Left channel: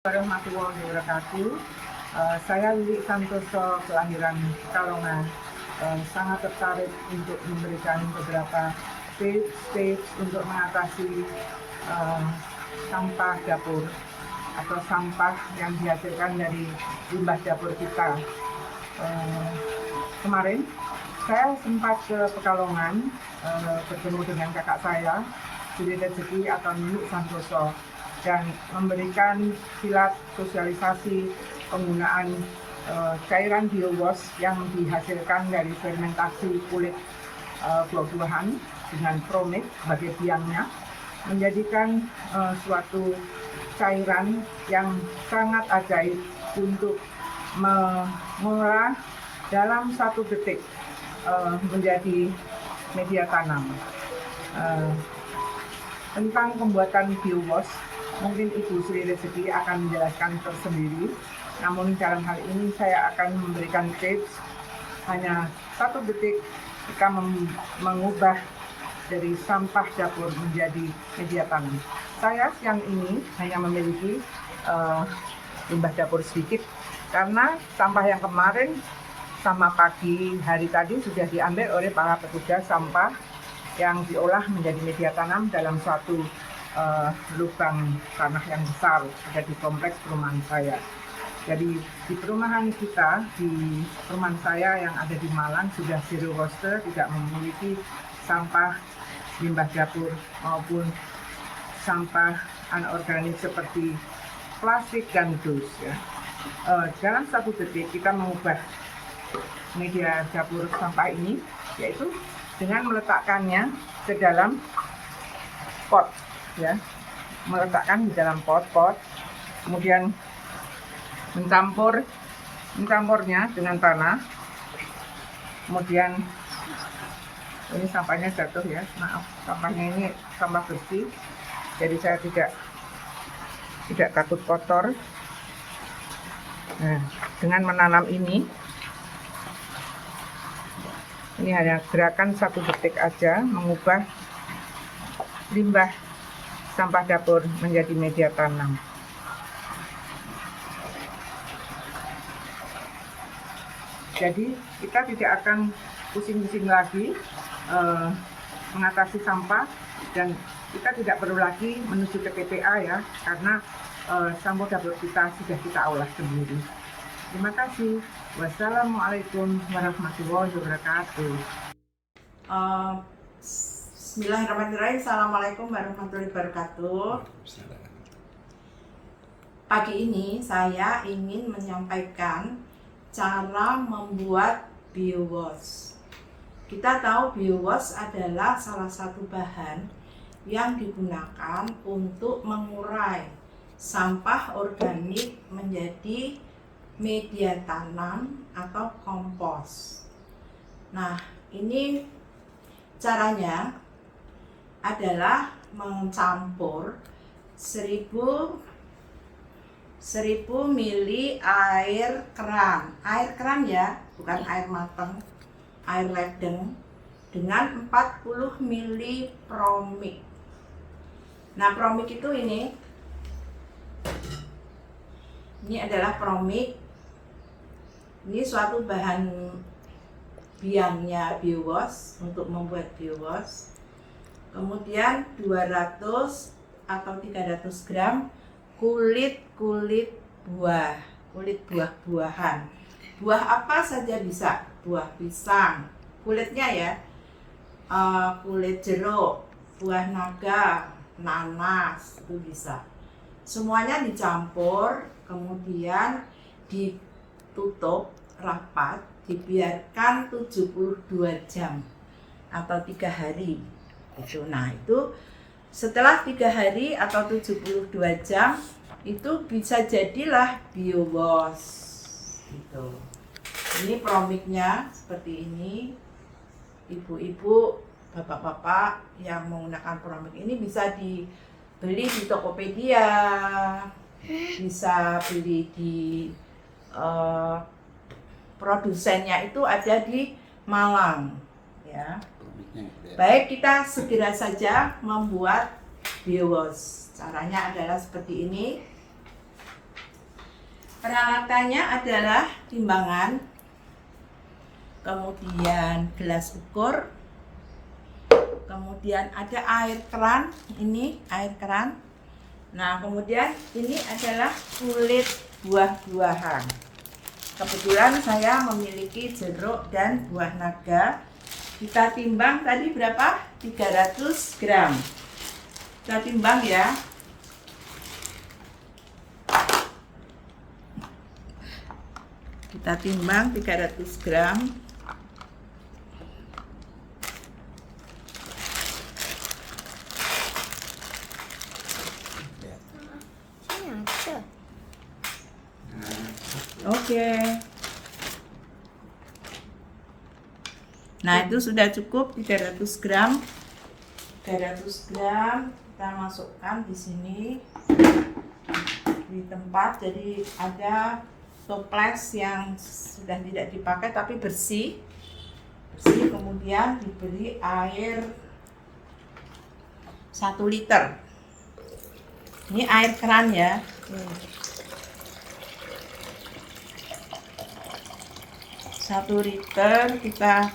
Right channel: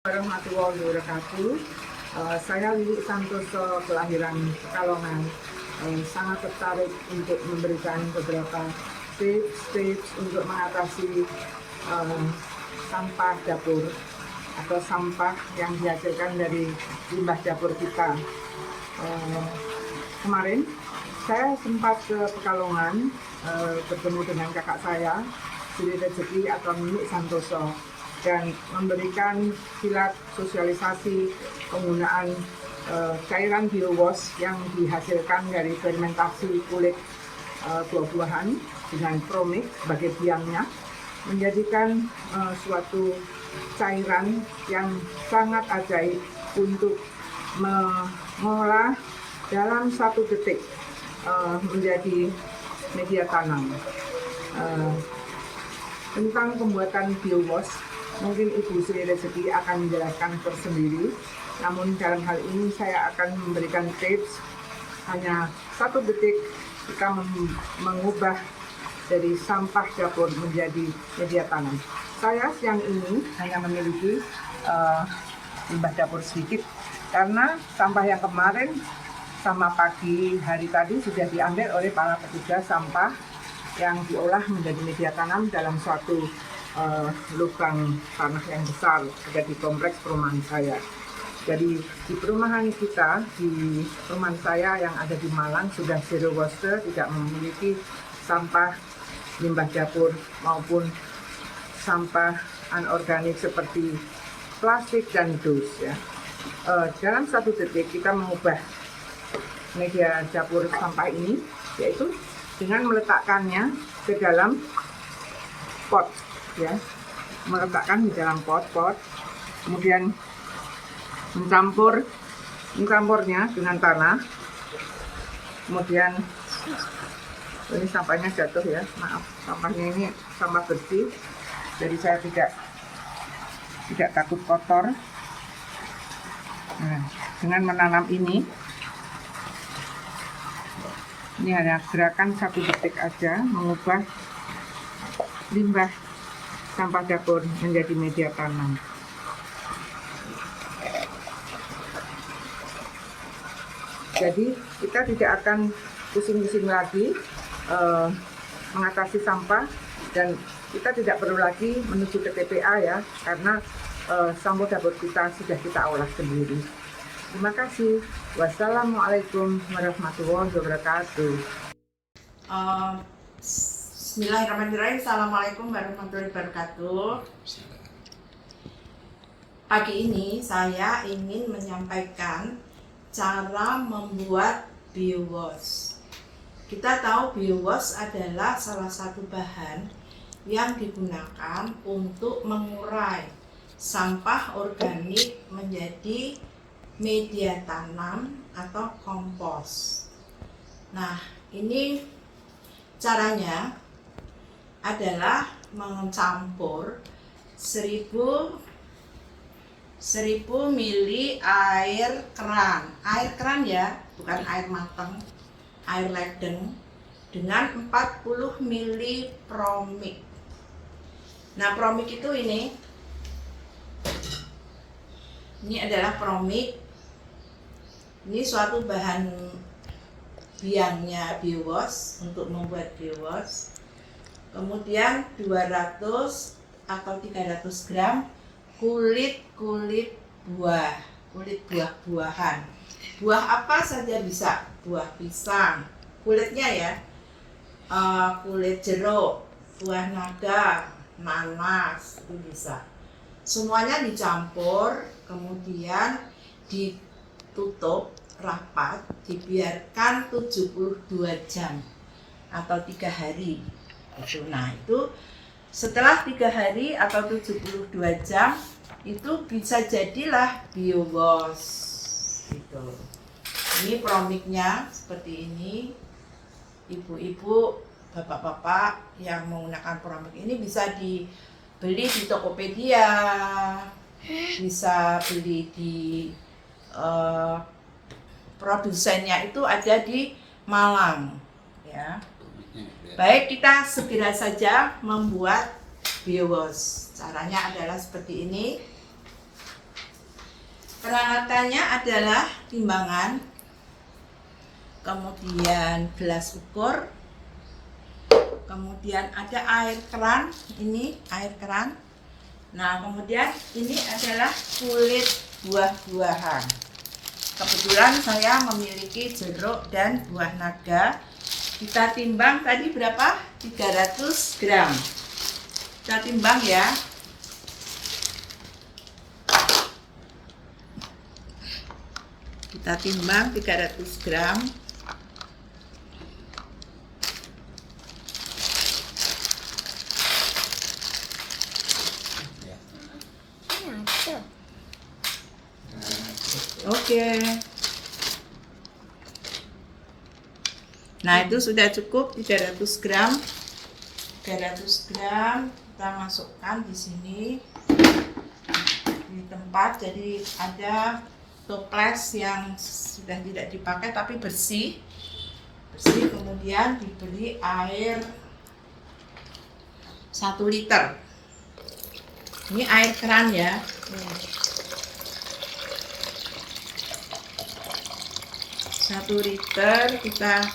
Warahmatullahi wabarakatuh. Saya Lili Santoso, kelahiran Pekalongan. Sangat tertarik untuk memberikan beberapa tips untuk mengatasi sampah dapur atau sampah yang dihasilkan dari limbah dapur kita. Kemarin saya sempat ke Pekalongan bertemu dengan kakak saya, Sri Rezeki atau Nini Santoso, dan memberikan silat sosialisasi penggunaan cairan biowash yang dihasilkan dari fermentasi kulit buah-buahan dengan promix sebagai biangnya, menjadikan suatu cairan yang sangat ajaib untuk mengolah dalam 1 detik menjadi media tanam. Tentang pembuatan biowash, mungkin Ibu Sri Rezeki akan menjelaskan tersendiri. Namun dalam hal ini saya akan memberikan tips hanya 1 detik kita mengubah dari sampah dapur menjadi media tanam. Saya siang ini hanya memiliki limbah dapur sedikit karena sampah yang kemarin sama pagi hari tadi sudah diambil oleh para petugas sampah yang diolah menjadi media tanam dalam suatu lubang tanah yang besar ada di kompleks perumahan saya. Jadi di perumahan kita, di perumahan saya yang ada di Malang sudah zero waste, tidak memiliki sampah limbah dapur maupun sampah anorganik seperti plastik dan dus ya. Dalam 1 detik kita mengubah media dapur sampah ini, yaitu dengan meletakkannya ke dalam pot ya, meletakkan di dalam pot, kemudian mencampurnya dengan tanah, kemudian ini sampahnya jatuh ya, maaf, sampahnya ini sampah bersih, jadi saya tidak takut kotor. Nah, dengan menanam ini hanya gerakan 1 detik aja mengubah limbah sampah dapur menjadi media tanam. Jadi kita tidak akan pusing-pusing lagi mengatasi sampah, dan kita tidak perlu lagi menuju ke TPA ya, karena sampah dapur kita sudah kita olah sendiri. Terima kasih. Wassalamualaikum warahmatullahi wabarakatuh. Bismillahirrahmanirrahim. Assalamualaikum warahmatullahi wabarakatuh. Pagi ini saya ingin menyampaikan cara membuat biowash. Kita tahu biowash adalah salah satu bahan yang digunakan untuk mengurai sampah organik menjadi media tanam atau kompos. Nah, ini caranya adalah mencampur 1000 ml air keran ya, bukan air mateng, air ledeng, dengan 40 ml promix. Nah, promix itu ini adalah promix. Ini suatu bahan biangnya biowash untuk membuat biowash. Kemudian 200 atau 300 gram kulit buah-buahan. Buah apa saja bisa, buah pisang, kulitnya ya, kulit jeruk, buah naga, nanas, itu bisa. Semuanya dicampur, kemudian ditutup rapat, dibiarkan 72 jam atau 3 hari. Nah, itu setelah 3 hari atau 72 jam itu bisa jadilah biowash gitu. Ini promixnya seperti ini. Ibu-ibu, bapak-bapak yang menggunakan promix ini bisa dibeli di Tokopedia, bisa beli di produsennya itu ada di Malang ya. Baik, kita segera saja membuat biowash. Caranya adalah seperti ini. Peralatannya adalah timbangan, kemudian gelas ukur, kemudian ada air keran, ini air keran. Nah, kemudian ini adalah kulit buah-buahan. Kebetulan saya memiliki jeruk dan buah naga. Kita timbang tadi berapa? 300 gram. Kita timbang ya. Kita timbang 300 gram. Oke. Nah, itu sudah cukup 300 gram. 300 gram kita masukkan di sini di tempat, jadi ada toples yang sudah tidak dipakai tapi bersih, kemudian diberi air 1 liter. Ini air keran ya. 1 liter, kita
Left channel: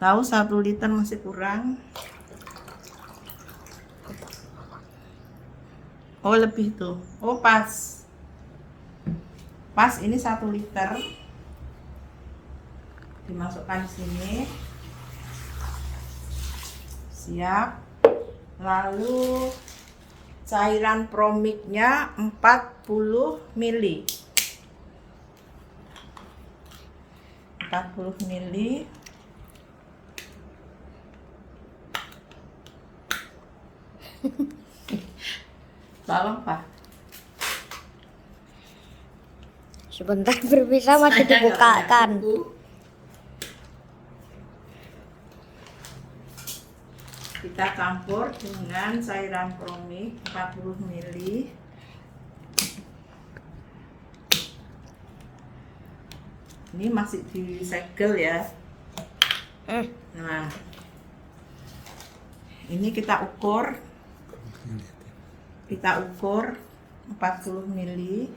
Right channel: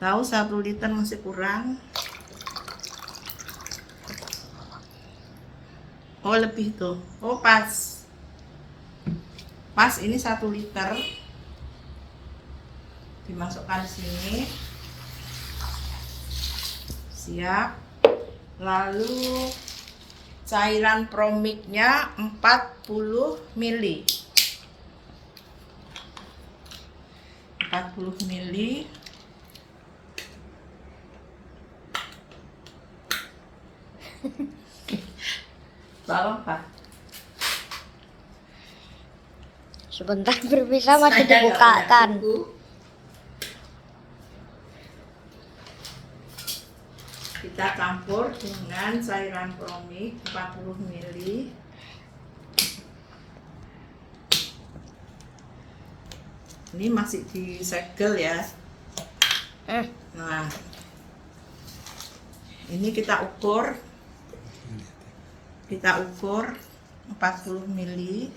tahu 1 liter masih kurang. Oh, lebih tuh. Oh, pas ini 1 liter. Dimasukkan sini. Siap. Lalu cairan promiknya 40 ml. 40 ml. Tolong, Pak. Sebentar berpisah masih dibukakan. Kita campur dengan cairan promik 40 ml. Ini masih disegel ya. Nah, ini kita ukur 40 ml.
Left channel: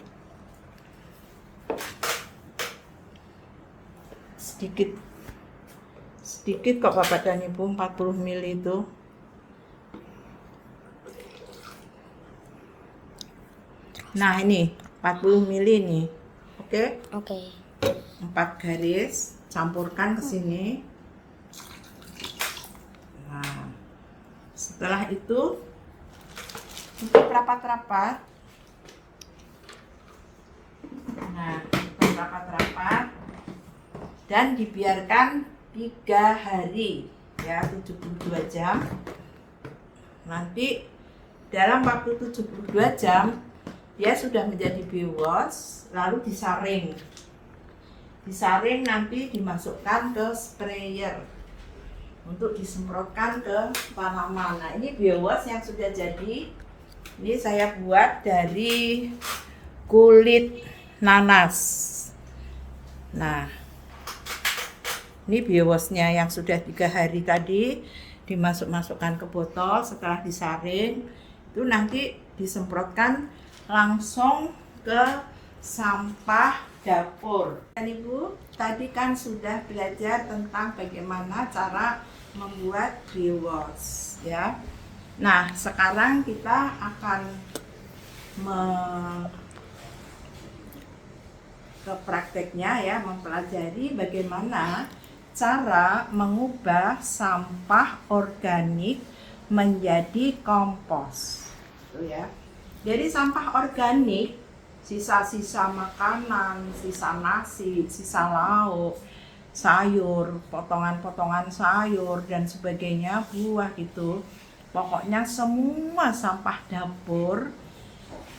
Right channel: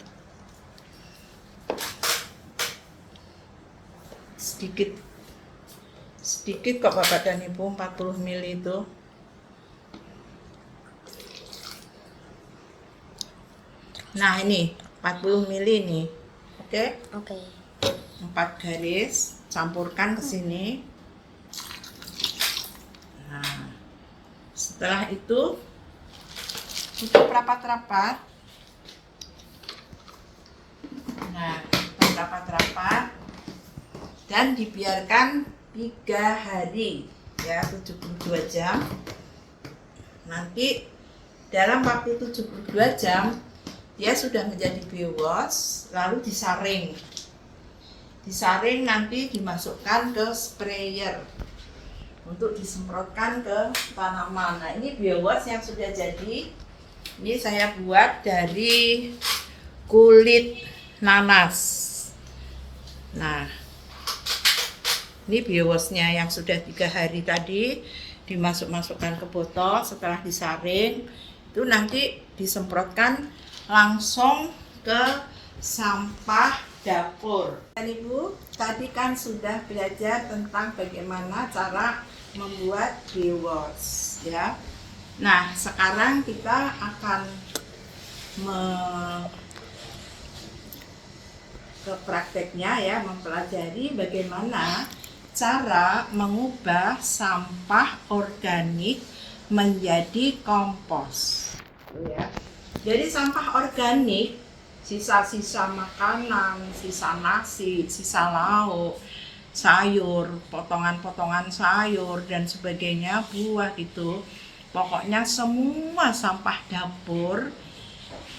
sedikit kok Bapak dan Ibu, 40 ml itu. Nah, ini 40 ml nih. Oke? 4 garis, campurkan ke sini. Nah, setelah itu tutup rapat-rapat. Nah, tutup rapat-rapat dan dibiarkan 3 hari ya, 72 jam. Nanti dalam waktu 72 jam dia sudah menjadi biowash, lalu disaring. Nanti dimasukkan ke sprayer untuk disemprotkan ke tanaman. Nah, ini biowash yang sudah jadi. Ini saya buat dari kulit nanas. Nah, ini biowashnya yang sudah 3 hari tadi dimasukkan ke botol. Setelah disaring itu nanti disemprotkan langsung ke sampah dapur. Dan Ibu tadi kan sudah belajar tentang bagaimana cara membuat biowash ya. Nah, sekarang kita akan ke prakteknya ya, mempelajari bagaimana cara mengubah sampah organik menjadi kompos. Ya. Jadi sampah organik, sisa-sisa makanan, sisa nasi, sisa lauk, sayur, potongan-potongan sayur dan sebagainya, buah gitu. Pokoknya semua sampah dapur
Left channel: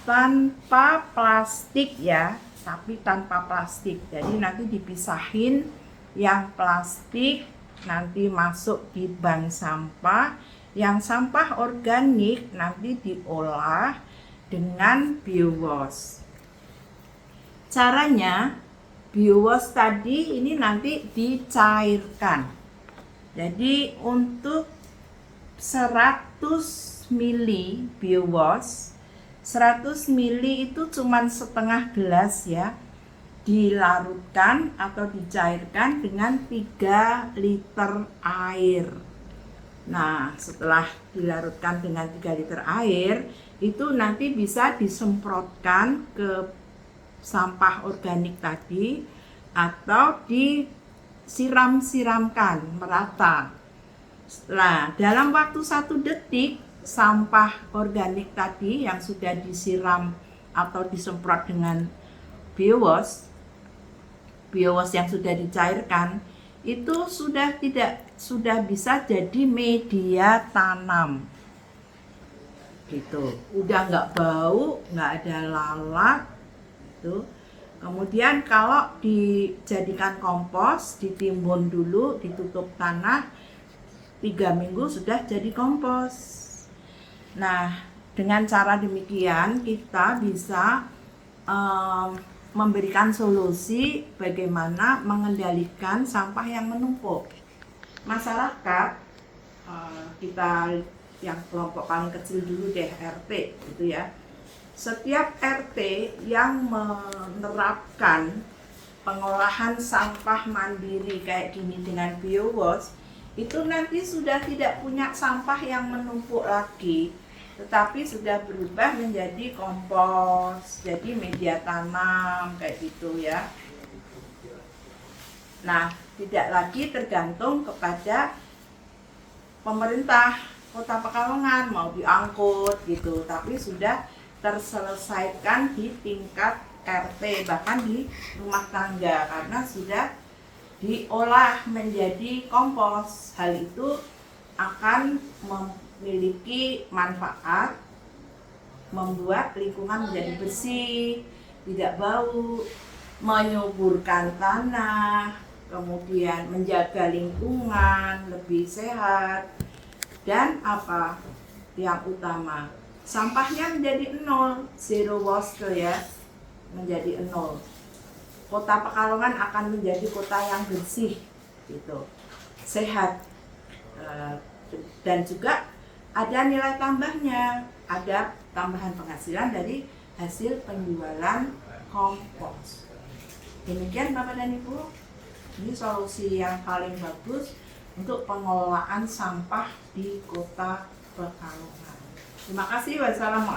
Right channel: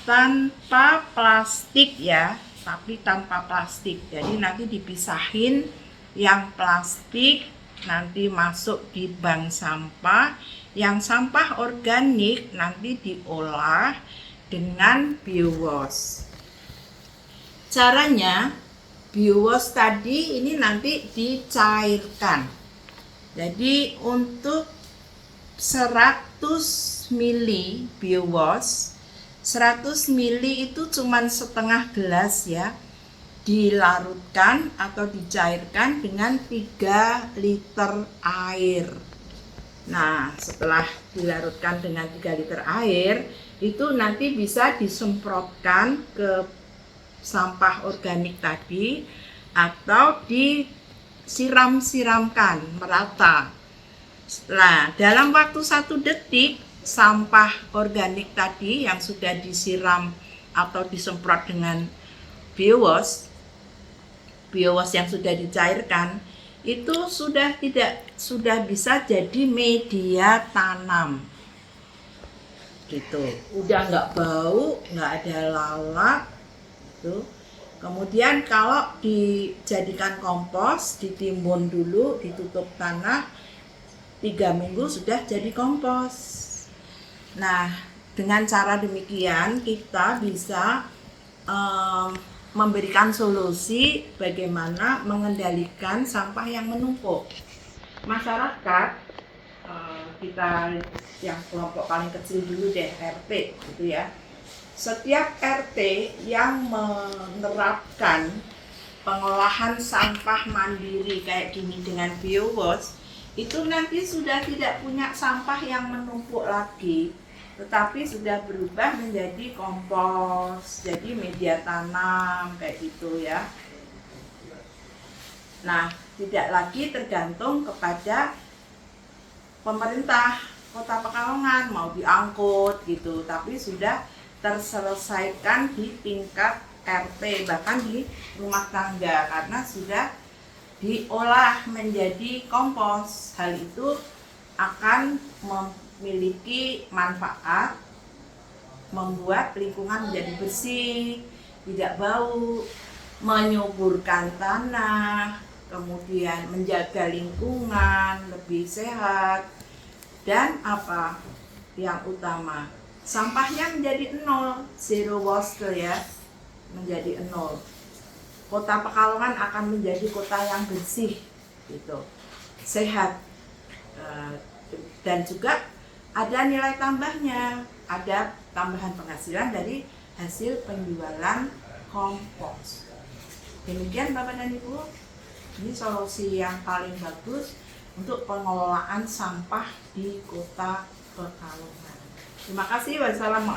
tanpa plastik ya, tapi tanpa plastik. Jadi nanti dipisahin, yang plastik nanti masuk di bank sampah, yang sampah organik nanti diolah dengan biowash. Caranya, biowash tadi ini nanti dicairkan. Jadi untuk 100 ml biowash 100 ml itu cuman setengah gelas ya, dilarutkan atau dicairkan dengan 3 liter air. Nah, setelah dilarutkan dengan 3 liter air, itu nanti bisa disemprotkan ke sampah organik tadi atau disiram-siramkan merata. Nah, dalam waktu 1 detik, sampah organik tadi yang sudah disiram atau disemprot dengan biowash yang sudah dicairkan itu sudah bisa jadi media tanam gitu, udah nggak bau, nggak ada lalat gitu. Kemudian kalau dijadikan kompos, ditimbun dulu, ditutup tanah 3 minggu sudah jadi kompos. Nah, dengan cara demikian kita bisa memberikan solusi bagaimana mengendalikan sampah yang menumpuk. Masyarakat, kita yang kelompok paling kecil dulu deh, RT gitu ya. Setiap RT yang menerapkan pengolahan sampah mandiri kayak gini dengan biowash, itu nanti sudah tidak punya sampah yang menumpuk lagi, tetapi sudah berubah menjadi kompos, jadi media tanam kayak gitu ya. Nah, tidak lagi tergantung kepada pemerintah Kota Pekalongan mau diangkut gitu, tapi sudah terselesaikan di tingkat RT, bahkan di rumah tangga karena sudah diolah menjadi kompos. Hal itu akan memiliki manfaat, membuat lingkungan menjadi bersih, tidak bau, menyuburkan tanah, kemudian menjaga lingkungan lebih sehat, dan apa yang utama, sampahnya menjadi 0, zero waste ya, menjadi 0. Kota Pekalongan akan menjadi kota yang bersih gitu, sehat, dan juga ada nilai tambahnya, ada tambahan penghasilan dari hasil penjualan kompos. Demikian Bapak dan Ibu, ini solusi yang paling bagus untuk pengelolaan sampah di Kota Pekalongan. Terima kasih. Wassalamualaikum.